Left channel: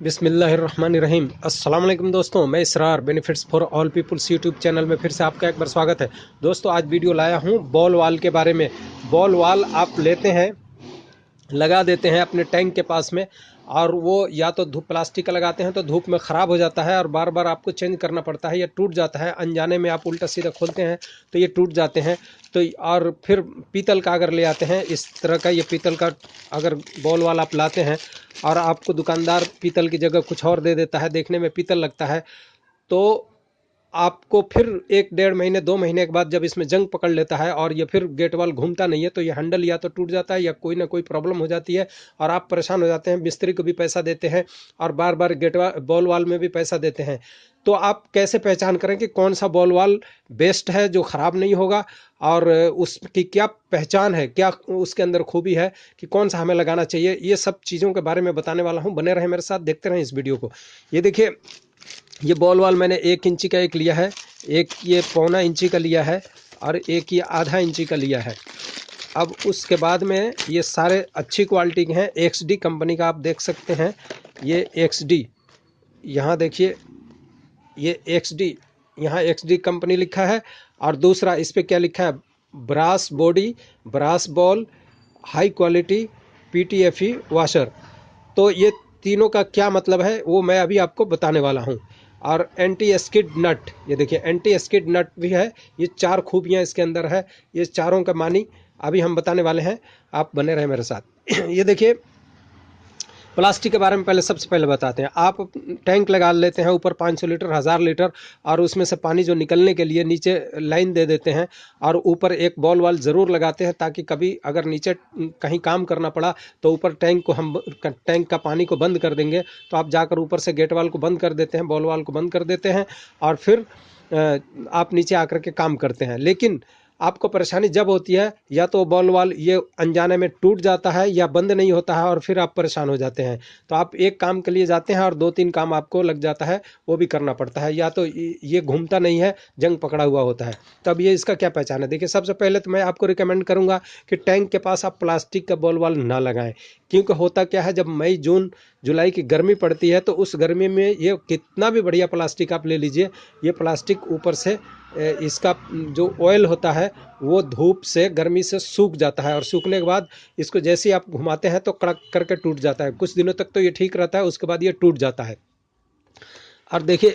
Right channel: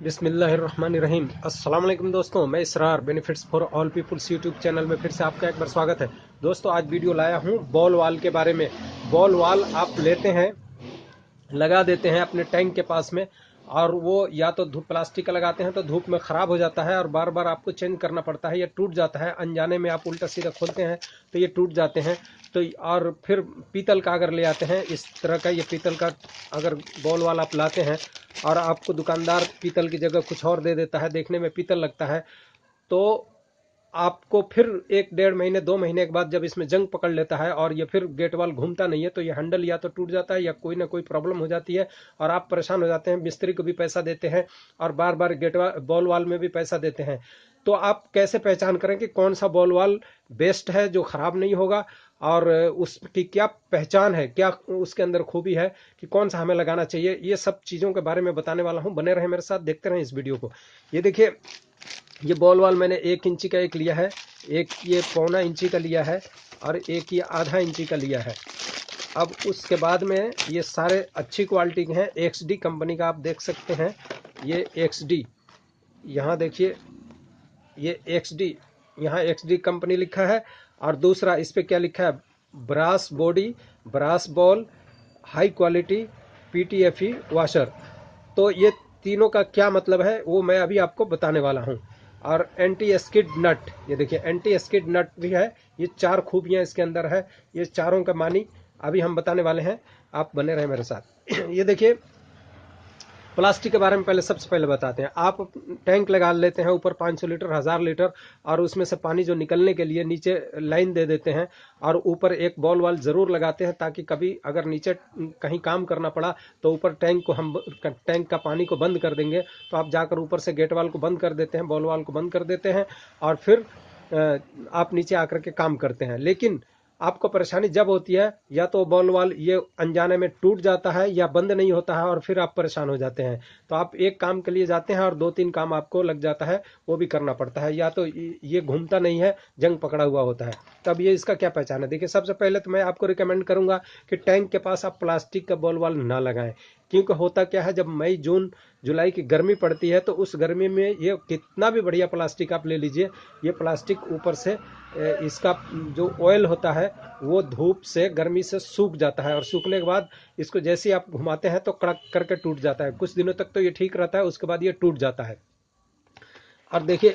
बिस्मिल्लाहिर्रहमानिर्रहीम। अस्सलाम वालेकुम दोस्तों, मैं Israr benefits for all peoples YouTube channel में फिर से आपका एक बार स्वागत है। दोस्तों आज वीडियो लाया हूँ बॉल वाल के बारे में। बॉल वाल आप लेते हैं, लगा देते हैं अपने टैंक के पास में, और वो या तो धूप प्लास्टिक का लगाते हैं तो धूप में ख़राब हो जाता है और बार बार आपको चेंज करना पड़ता है या टूट जाता है। अनजाने में आप उल्टा सीधा खोलते हैं तो ये टूट जाते हैं। तो और फिर पीतल का अगर ले आते हैं इस तरह का, ये पीतल का अगर बॉल वाल आप लाते हैं और आपको दुकानदार पीतल की जगह कुछ और दे देता है, देखने में पीतल लगता है, तो आपको फिर 1 डेढ़ महीने 2 महीने के बाद जब इसमें जंग पकड़ लेता है और ये फिर गेट वाल घूमता नहीं है तो ये हैंडल या तो टूट जाता है या कोई ना कोई प्रॉब्लम हो जाती है और आप परेशान हो जाते हैं। मिस्त्री को भी पैसा देते हैं और बार बार गेट वाल बॉल वाल में भी पैसा देते हैं। तो आप कैसे पहचान करें कि कौन सा बॉल वाल बेस्ट है जो ख़राब नहीं होगा, और उसकी क्या पहचान है, क्या उसके अंदर खूबी है कि कौन सा हमें लगाना चाहिए, ये सब चीज़ों के बारे में बताने वाला हूँ। बने रहें मेरे साथ, देखते रहें इस वीडियो को। ये देखिए, ये बॉल वाल मैंने 1 इंची का एक लिया है, एक ये 1.25 इंची का लिया है और एक ये आधा इंची का लिया है। अब उसके बाद में ये सारे अच्छी क्वालिटी के हैं, XD कंपनी का आप देख सकते हैं। ये XD, यहाँ देखिए, ये XD, यहाँ XD कंपनी लिखा है और दूसरा इस पर क्या लिखा है, brass body, brass ball, high quality PTFE washer. तो ये तीनों का क्या मतलब है वो मैं अभी आपको बताने वाला हूँ। और एंटी स्किड नट, ये देखिए एंटी स्किड नट भी है। ये 4 खूबियाँ इसके अंदर है, ये चारों का मानी अभी हम बताने वाले हैं, आप बने रहे मेरे साथ। ये देखिए, प्लास्टिक के बारे में पहले सबसे पहले बताते हैं। आप टैंक लगा लेते हैं ऊपर 500 लीटर 1000 लीटर, और उसमें से पानी जो निकलने के लिए नीचे लाइन दे देते हैं और ऊपर एक बॉल वाल ज़रूर लगाते हैं ताकि कभी अगर नीचे कहीं काम करना पड़ा तो ऊपर टैंक को हम टैंक का पानी को बंद कर देंगे, तो आप जाकर ऊपर से गेट वाल को बंद कर देते हैं, बॉल वाल को बंद कर देते हैं और फिर आप नीचे आकर के काम करते हैं। लेकिन आपको परेशानी जब होती है या तो बॉल वाल ये अनजाने में टूट जाता है या बंद नहीं होता है और फिर आप परेशान हो जाते हैं। तो आप एक काम के लिए जाते हैं और 2-3 काम आपको लग जाता है, वो भी करना पड़ता है, या तो ये घूमता नहीं है, जंग पकड़ा हुआ होता है। तब ये इसका क्या पहचान है, देखिए सबसे पहले तो मैं आपको रिकमेंड करूंगा कि टैंक के पास आप प्लास्टिक का बॉल वाल ना लगाएं। क्योंकि होता क्या है, जब मई जून जुलाई की गर्मी पड़ती है तो उस गर्मी में ये कितना भी बढ़िया प्लास्टिक आप ले लीजिए, ये प्लास्टिक ऊपर से इसका जो ऑयल होता है वो धूप से गर्मी से सूख जाता है और सूखने के बाद इसको जैसे ही आप घुमाते हैं तो कड़क करके टूट जाता है। कुछ दिनों तक तो ये ठीक रहता है, उसके बाद ये टूट जाता है। और देखिए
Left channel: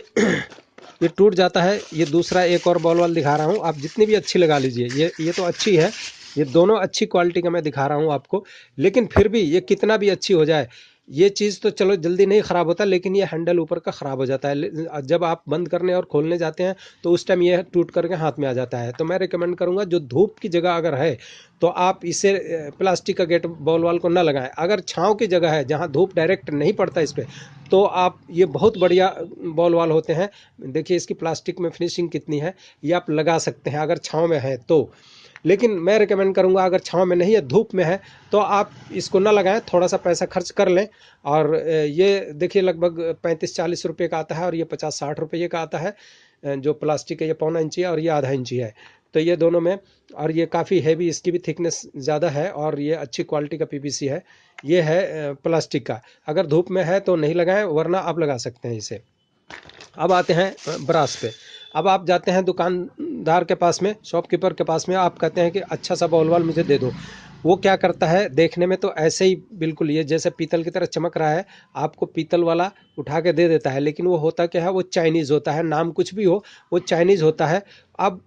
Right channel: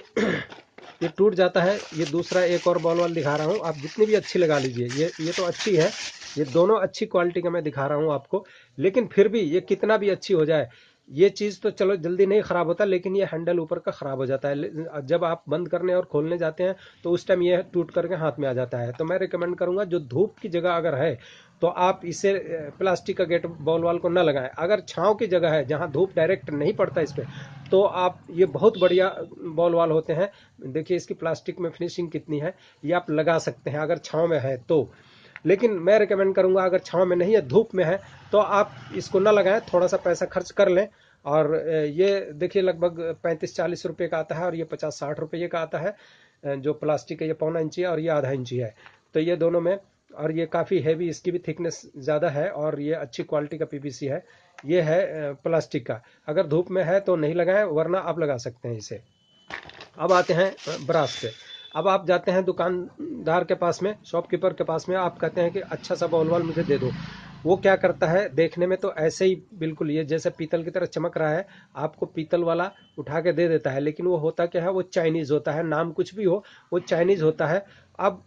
ये टूट जाता है। ये दूसरा एक और बॉल वाल दिखा रहा हूँ, आप जितनी भी अच्छी लगा लीजिए, ये तो अच्छी है, ये दोनों अच्छी क्वालिटी का मैं दिखा रहा हूँ आपको। लेकिन फिर भी ये कितना भी अच्छी हो जाए, ये चीज़ तो चलो जल्दी नहीं ख़राब होता, लेकिन ये हैंडल ऊपर का ख़राब हो जाता है। जब आप बंद करने और खोलने जाते हैं तो उस टाइम ये टूट करके हाथ में आ जाता है। तो मैं रिकमेंड करूँगा, जो धूप की जगह अगर है तो आप इसे प्लास्टिक का गेट बॉल वाल को ना लगाएं। अगर छाँव की जगह है जहाँ धूप डायरेक्ट नहीं पड़ता इस पर, तो आप ये बहुत बढ़िया बॉल वाल होते हैं। देखिए इसकी प्लास्टिक में फिनिशिंग कितनी है, ये आप लगा सकते हैं अगर छाँव में है तो। लेकिन मैं रिकमेंड करूंगा अगर छाँव में नहीं है, धूप में है, तो आप इसको ना लगाएं, थोड़ा सा पैसा खर्च कर लें। और ये देखिए लगभग 35-40 रुपये का आता है और ये 50-60 रुपये का आता है। जो प्लास्टिक है ये 1.25 इंची है और ये आधा इंची है, तो ये दोनों में। और ये काफ़ी हैवी, इसकी भी थिकनेस ज़्यादा है और ये अच्छी क्वालिटी का PVC है। ये है प्लास्टिक का। अगर धूप में है तो नहीं लगाएं, वरना आप लगा सकते हैं इसे। अब आते हैं ब्रास पे। अब आप जाते हैं दुकानदार के पास में, शॉपकीपर के पास में, आप कहते हैं कि अच्छा सा बॉल वाल मुझे दे दो। वो क्या करता है, देखने में तो ऐसे ही बिल्कुल ये जैसे पीतल की तरह चमक रहा है, आपको पीतल वाला उठा के दे देता है, लेकिन वो होता क्या है, वो चाइनीज़ होता है। नाम कुछ भी हो, वो चाइनीज़ होता है। अब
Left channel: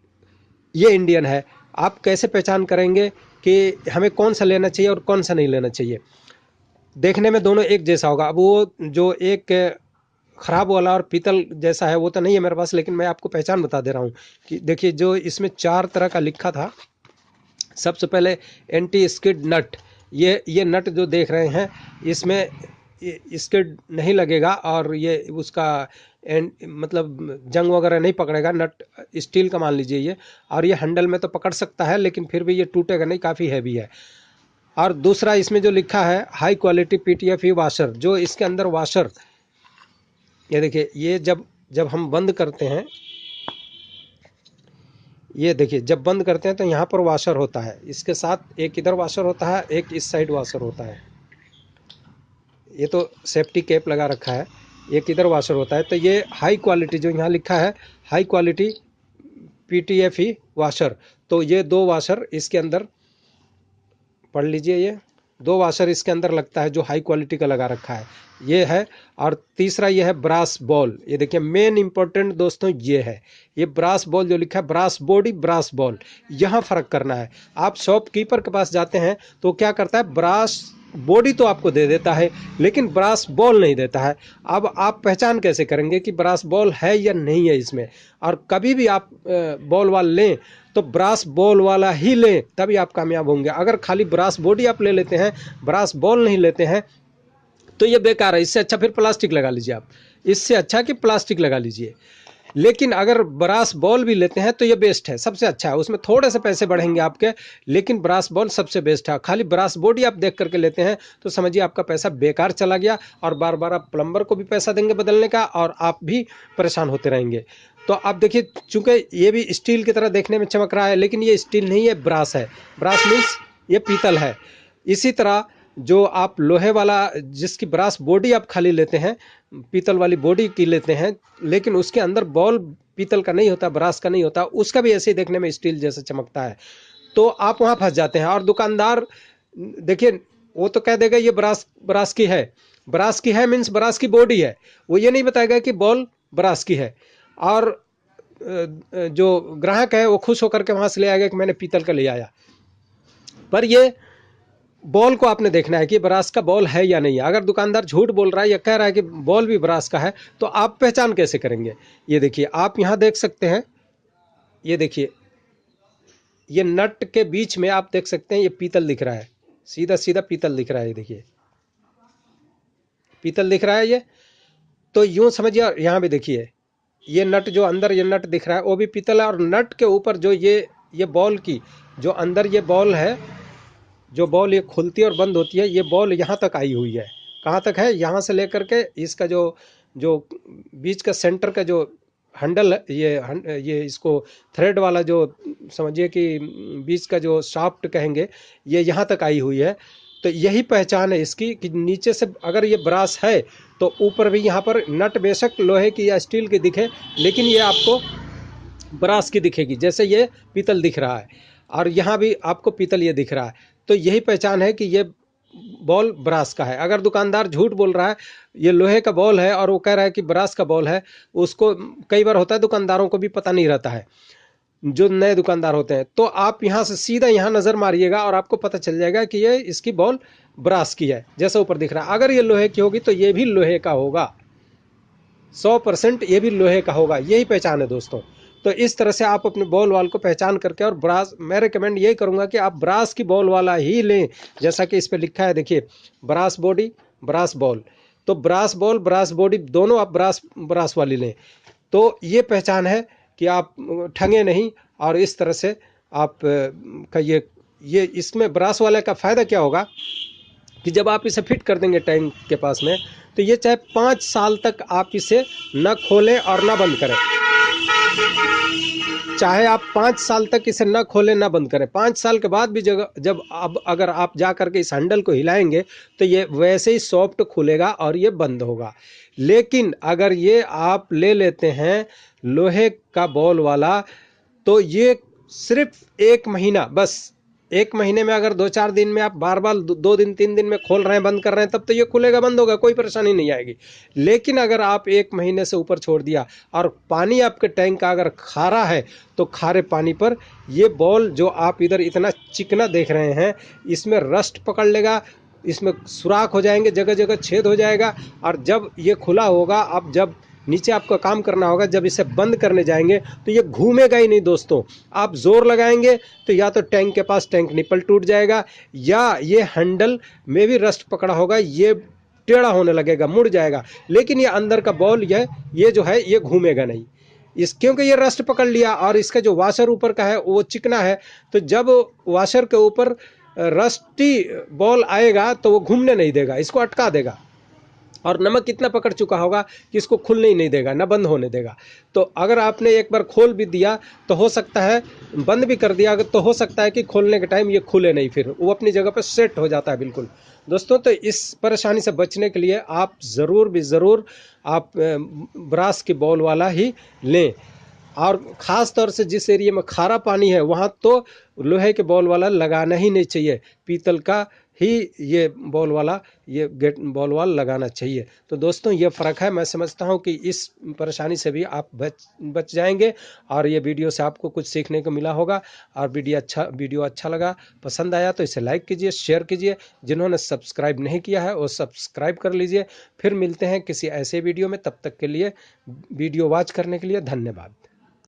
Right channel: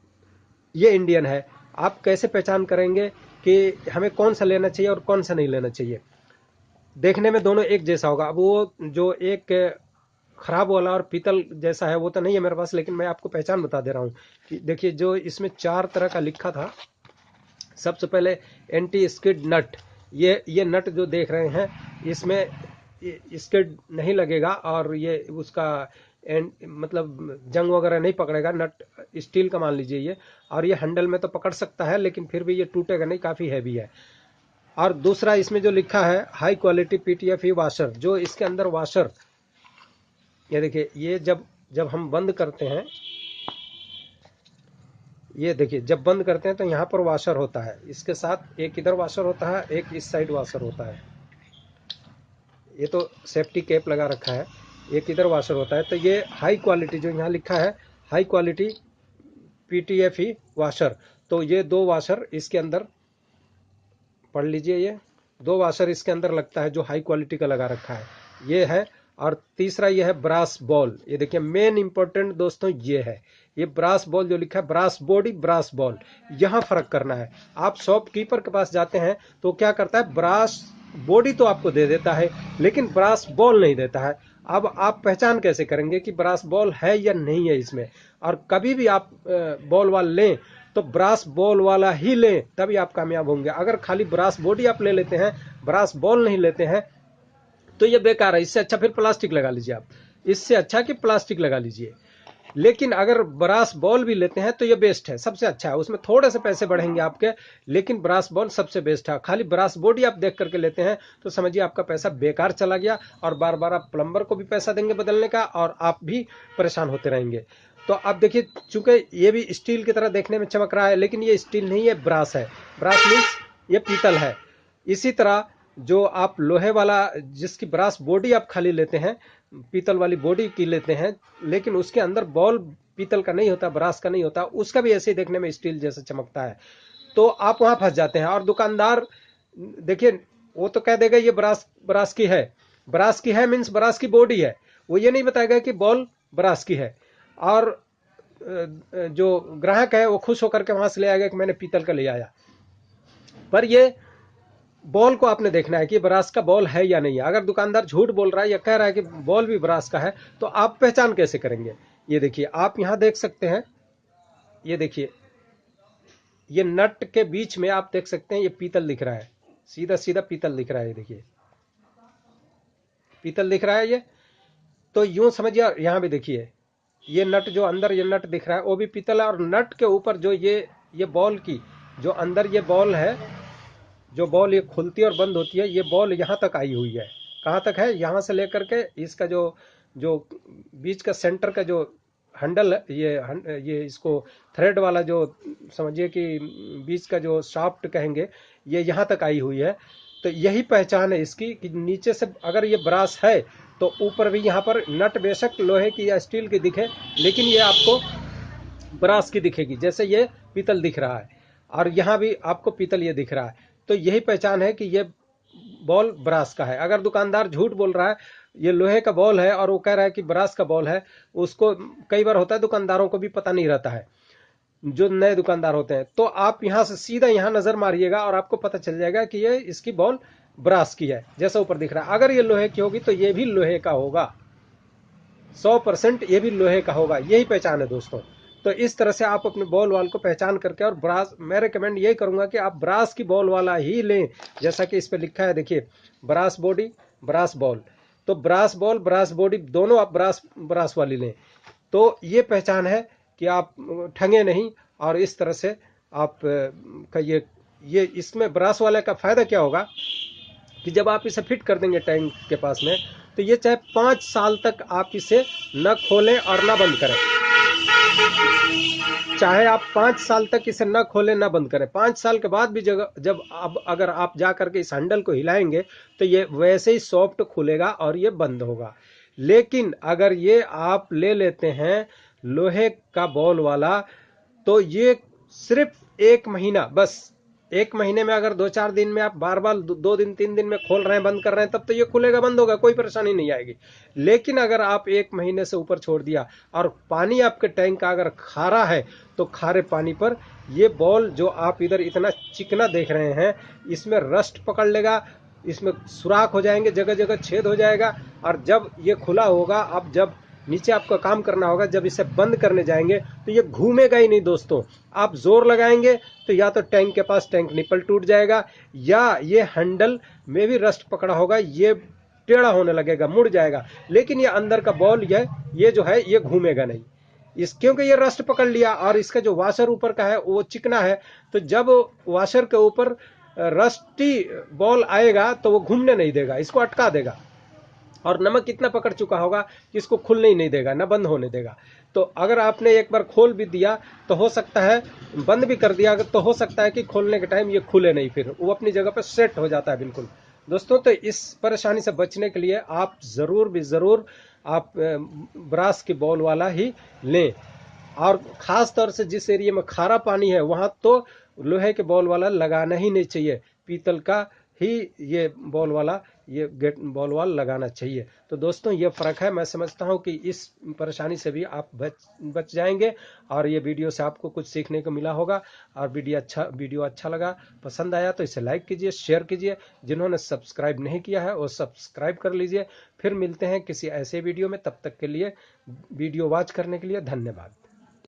ये इंडियन है। आप कैसे पहचान करेंगे कि हमें कौन सा लेना चाहिए और कौन सा नहीं लेना चाहिए? देखने में दोनों एक जैसा होगा। अब वो जो एक ख़राब वाला और पीतल जैसा है वो तो नहीं है मेरे पास, लेकिन मैं आपको पहचान बता दे रहा हूँ कि देखिए, जो इसमें 4 तरह का लिखा था। सबसे पहले एंटी स्किड नट, ये नट जो देख रहे हैं, इसमें स्किड नहीं लगेगा और ये उसका मतलब जंग वगैरह नहीं पकड़ेगा। नट स्टील का मान लीजिए ये, और ये हैंडल में तो पकड़ सकता है लेकिन फिर भी ये टूटेगा नहीं, काफ़ी हैवी है। और दूसरा इसमें जो लिखा है हाई क्वालिटी PTFE वाशर, जो इसके अंदर वाशर, ये देखिए, ये जब जब हम बंद करते हैं, ये देखिए जब बंद करते हैं तो यहाँ पर वाशर होता है, इसके साथ एक इधर वाशर होता है, एक इस साइड वाशर होता है। ये तो सेफ्टी कैप लगा रखा है, एक इधर वाशर होता है। तो ये हाई क्वालिटी जो यहाँ लिखा है हाई क्वालिटी PTFE वाशर, तो ये 2 वाशर इसके अंदर पढ़ लीजिए, ये 2 वाशर इसके अंदर लगता है जो हाई क्वालिटी का लगा रखा है, ये है। और तीसरा ये है ब्रास बॉल, ये देखिए मेन इंपॉर्टेंट दोस्तों ये है, ये ब्रास बॉल जो लिखा है, ब्रास बॉडी ब्रास बॉल, यहाँ फ़र्क करना है। आप शॉपकीपर के पास जाते हैं तो क्या करता है, ब्रास बॉडी तो आपको दे देता है लेकिन ब्रास बॉल नहीं देता है। अब आप पहचान कैसे करेंगे कि ब्रास बॉल है या नहीं है इसमें। और कभी भी आप बॉल वाल लें तो ब्रास बॉल वाला ही लें, तभी आप कामयाब होंगे। अगर खाली ब्रास बॉडी आप ले लेते हैं, ब्रास बॉल नहीं लेते हैं, तो ये बेकार है। इससे अच्छा फिर प्लास्टिक लगा लीजिए आप, इससे अच्छा कि प्लास्टिक लगा लीजिए। लेकिन अगर ब्रास बॉल भी लेते हैं तो ये बेस्ट है, सबसे अच्छा है। उसमें थोड़े से पैसे बढ़ेंगे आपके, लेकिन ब्रास बॉल सबसे बेस्ट है। खाली ब्रास बॉडी आप देख करके लेते हैं तो समझिए आपका पैसा बेकार चला गया, और बार बार आप प्लम्बर को भी पैसा देंगे बदलने का, और आप भी परेशान होते रहेंगे। तो आप देखिए, चूंकि ये भी स्टील की तरह देखने में चमक रहा है, लेकिन ये स्टील नहीं है, ब्रास है। ब्रास मीन्स ये पीतल है। इसी तरह जो आप लोहे वाला, जिसकी ब्रास बॉडी आप खाली लेते हैं, पीतल वाली बॉडी की लेते हैं, लेकिन उसके अंदर बॉल पीतल का नहीं होता, ब्रास का नहीं होता, उसका भी ऐसे ही देखने में स्टील जैसा चमकता है, तो आप वहाँ फंस जाते हैं। और दुकानदार देखिए, वो तो कह देगा ये ब्रास की है। ब्रास की है मीन्स ब्रास की बॉडी है, वो ये नहीं बताएगा कि बॉल ब्रास की है। और जो ग्राहक है वो खुश होकर के वहाँ से ले आएगा कि मैंने पीतल का ले आया। पर ये बॉल को आपने देखना है कि ब्रास का बॉल है या नहीं है। अगर दुकानदार झूठ बोल रहा है या कह रहा है कि बॉल भी ब्रास का है, तो आप पहचान कैसे करेंगे। ये देखिए, आप यहाँ देख सकते हैं, ये देखिए, ये नट के बीच में आप देख सकते हैं ये पीतल दिख रहा है, सीधा सीधा पीतल दिख रहा है। ये देखिए पीतल दिख रहा है ये, तो यूं समझिए। यहाँ भी देखिए, ये नट जो अंदर ये नट दिख रहा है वो भी पीतल है, और नट के ऊपर जो ये बॉल की जो अंदर ये बॉल है, जो बॉल ये खुलती है और बंद होती है, ये बॉल यहाँ तक आई हुई है। कहाँ तक है, यहाँ से लेकर के इसका जो जो बीच का सेंटर का जो हैंडल है, ये इसको थ्रेड वाला जो समझिए कि बीच का जो शाफ्ट कहेंगे, ये यहाँ तक आई हुई है। तो यही पहचान है इसकी कि नीचे से अगर ये ब्रास है तो ऊपर भी यहाँ पर नट बेशक लोहे की या स्टील की दिखे, लेकिन ये आपको ब्रास की दिखेगी। जैसे ये पीतल दिख रहा है और यहाँ भी आपको पीतल ये दिख रहा है, तो यही पहचान है कि ये बॉल ब्रास का है। अगर दुकानदार झूठ बोल रहा है, ये लोहे का बॉल है और वो कह रहा है कि ब्रास का बॉल है, उसको कई बार होता है दुकानदारों को भी पता नहीं रहता है, जो नए दुकानदार होते हैं। तो आप यहाँ से सीधा यहाँ नज़र मारिएगा और आपको पता चल जाएगा कि ये इसकी बॉल ब्रास की है, जैसा ऊपर दिख रहा है। अगर ये लोहे की होगी तो ये भी लोहे का होगा, 100% ये भी लोहे का होगा। यही पहचान है दोस्तों। तो इस तरह से आप अपने बॉल वाल को पहचान करके, और ब्रास, मैं रिकमेंड यही करूंगा कि आप ब्रास की बॉल वाला ही लें, जैसा कि इस पे लिखा है देखिए, ब्रास बॉडी ब्रास बॉल। तो ब्रास बॉल ब्रास बॉडी दोनों आप ब्रास वाली लें, तो ये पहचान है कि आप ठगे नहीं। और इस तरह से आप का ये इसमें ब्रास वाले का फ़ायदा क्या होगा कि जब आप इसे फिट कर देंगे टैंक के पास में, तो ये चाहे 5 साल तक आप इसे न खोलें और न बंद करें, चाहे आप 5 साल तक इसे न खोलें न बंद करें, 5 साल के बाद भी जब अब अगर आप जा करके इस हैंडल को हिलाएंगे तो ये वैसे ही सॉफ्ट खुलेगा और ये बंद होगा। लेकिन अगर ये आप ले लेते हैं लोहे का बॉल वाला, तो ये सिर्फ 1 महीना, बस 1 महीने में अगर 2-4 दिन में आप बार बार 2 दिन 3 दिन में खोल रहे हैं बंद कर रहे हैं, तब तो ये खुलेगा बंद होगा, कोई परेशानी नहीं आएगी। लेकिन अगर आप 1 महीने से ऊपर छोड़ दिया और पानी आपके टैंक का अगर खारा है, तो खारे पानी पर ये बॉल जो आप इधर इतना चिकना देख रहे हैं, इसमें रस्ट पकड़ लेगा, इसमें सुराख हो जाएंगे, जगह जगह छेद हो जाएगा। और जब ये खुला होगा, अब जब नीचे आपको काम करना होगा, जब इसे बंद करने जाएंगे तो ये घूमेगा ही नहीं दोस्तों। आप जोर लगाएंगे तो या तो टैंक के पास टैंक निपल टूट जाएगा, या ये हैंडल में भी रस्ट पकड़ा होगा, ये टेढ़ा होने लगेगा, मुड़ जाएगा। लेकिन ये अंदर का बॉल ये जो है ये घूमेगा नहीं, क्योंकि ये रस्ट पकड़ लिया। और इसका जो वाशर ऊपर का है वो चिकना है, तो जब वाशर के ऊपर रस्टी बॉल आएगा तो वो घूमने नहीं देगा, इसको अटका देगा। और नमक कितना पकड़ चुका होगा कि इसको खुलने ही नहीं देगा, ना बंद होने देगा। तो अगर आपने एक बार खोल भी दिया तो हो सकता है, बंद भी कर दिया तो हो सकता है कि खोलने के टाइम ये खुले नहीं, फिर वो अपनी जगह पे सेट हो जाता है बिल्कुल। दोस्तों तो इस परेशानी से बचने के लिए आप ज़रूर भी ज़रूर आप ब्रास की बॉल वाला ही लें। और ख़ास तौर से जिस एरिया में खारा पानी है वहाँ तो लोहे के बॉल वाला लगाना ही नहीं चाहिए, पीतल का ही ये बॉल वाला ये गेट बॉल वाल लगाना चाहिए। तो दोस्तों ये फ़र्क है। मैं समझता हूँ कि इस परेशानी से भी आप बच जाएंगे। और ये वीडियो से आपको कुछ सीखने को मिला होगा। और वीडियो अच्छा लगा, पसंद आया तो इसे लाइक कीजिए, शेयर कीजिए। जिन्होंने सब्सक्राइब नहीं किया है वो सब्सक्राइब कर लीजिए। फिर मिलते हैं किसी ऐसे वीडियो में, तब तक के लिए वीडियो वॉच करने के लिए धन्यवाद।